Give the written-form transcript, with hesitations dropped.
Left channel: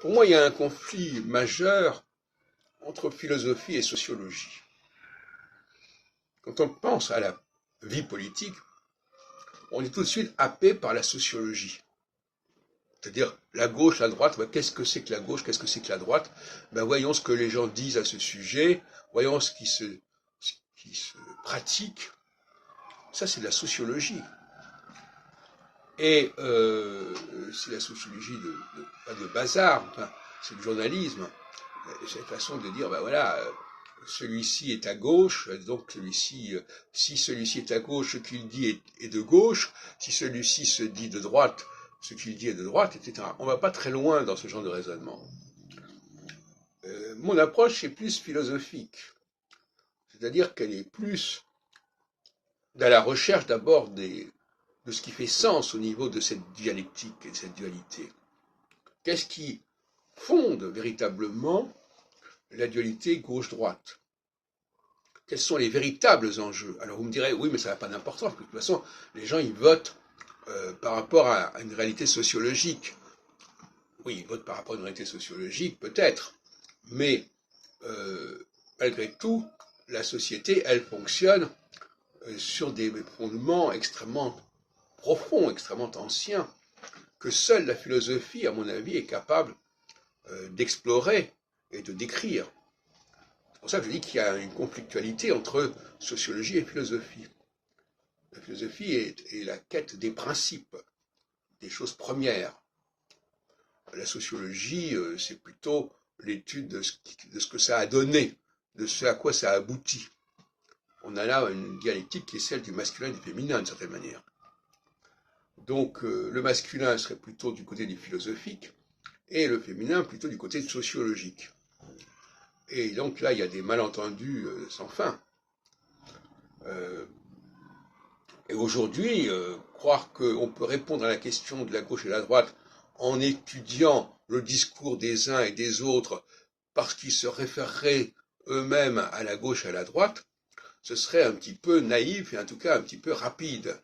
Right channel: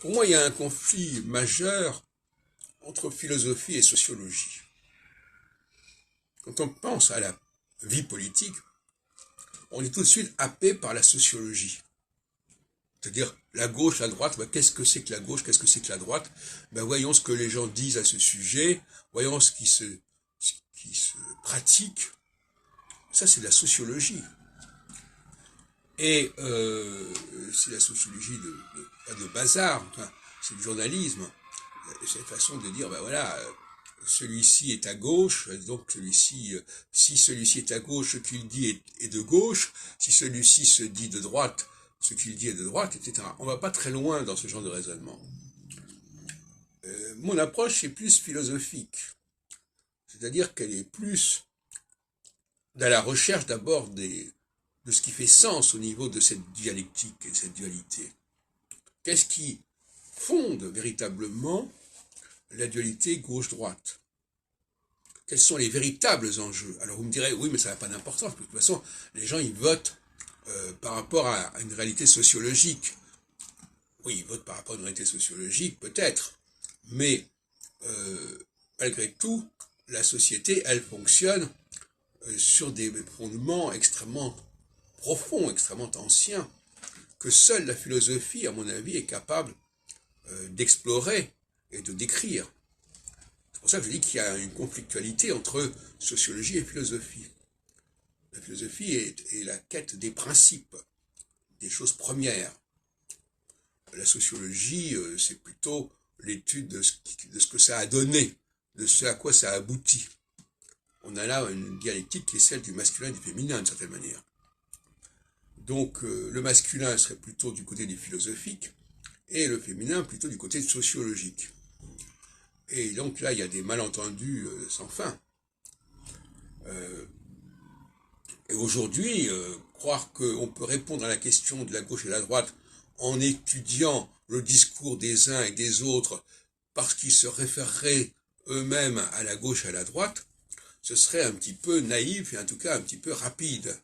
Pour moi, il y a un conflit majeur entre philosophie et sociologie. Quand on pense à la vie politique, on est tout de suite happé par la sociologie. C'est-à-dire la gauche, la droite, ben, qu'est-ce que c'est que la gauche, qu'est-ce que c'est que la droite? Ben, voyons ce que les gens disent à ce sujet, voyons ce qui se pratique. Ça, c'est de la sociologie. Et c'est la sociologie pas de bazar, enfin, c'est du journalisme. C'est une façon de dire, ben voilà, celui-ci est à gauche, donc celui-ci, si celui-ci est à gauche, ce qu'il dit est de gauche, si celui-ci se dit de droite, ce qu'il dit est de droite, etc. On va pas très loin dans ce genre de raisonnement. Mon approche est plus philosophique, c'est-à-dire qu'elle est plus dans la recherche d'abord de ce qui fait sens au niveau de cette dialectique et de cette dualité. Qu'est-ce qui fonde véritablement la dualité gauche-droite? Quels sont les véritables enjeux? Alors vous me direz, oui, mais ça n'a pas d'importance, parce que de toute façon, les gens, ils votent par rapport à une réalité sociologique. Oui, ils votent par rapport à une réalité sociologique, peut-être, mais malgré tout, la société, elle fonctionne sur des fondements extrêmement profonds, extrêmement anciens, que seule la philosophie, à mon avis, est capable d'explorer et de décrire. C'est pour ça que je dis qu'il y a une conflictualité entre sociologie et philosophie. La philosophie est la quête des principes, des choses premières. La sociologie, c'est plutôt l'étude de ce que ça a donné, de ce à quoi ça a abouti. On a là une dialectique qui est celle du masculin et du féminin, d'une certaine manière. Donc le masculin serait plutôt du côté du philosophique, et le féminin plutôt du côté sociologique. Et donc là, il y a des malentendus sans fin. Et aujourd'hui, croire qu'on peut répondre à la question de la gauche et de la droite en étudiant le discours des uns et des autres parce qu'ils se référeraient eux-mêmes à la gauche et à la droite, ce serait un petit peu naïf et en tout cas un petit peu rapide.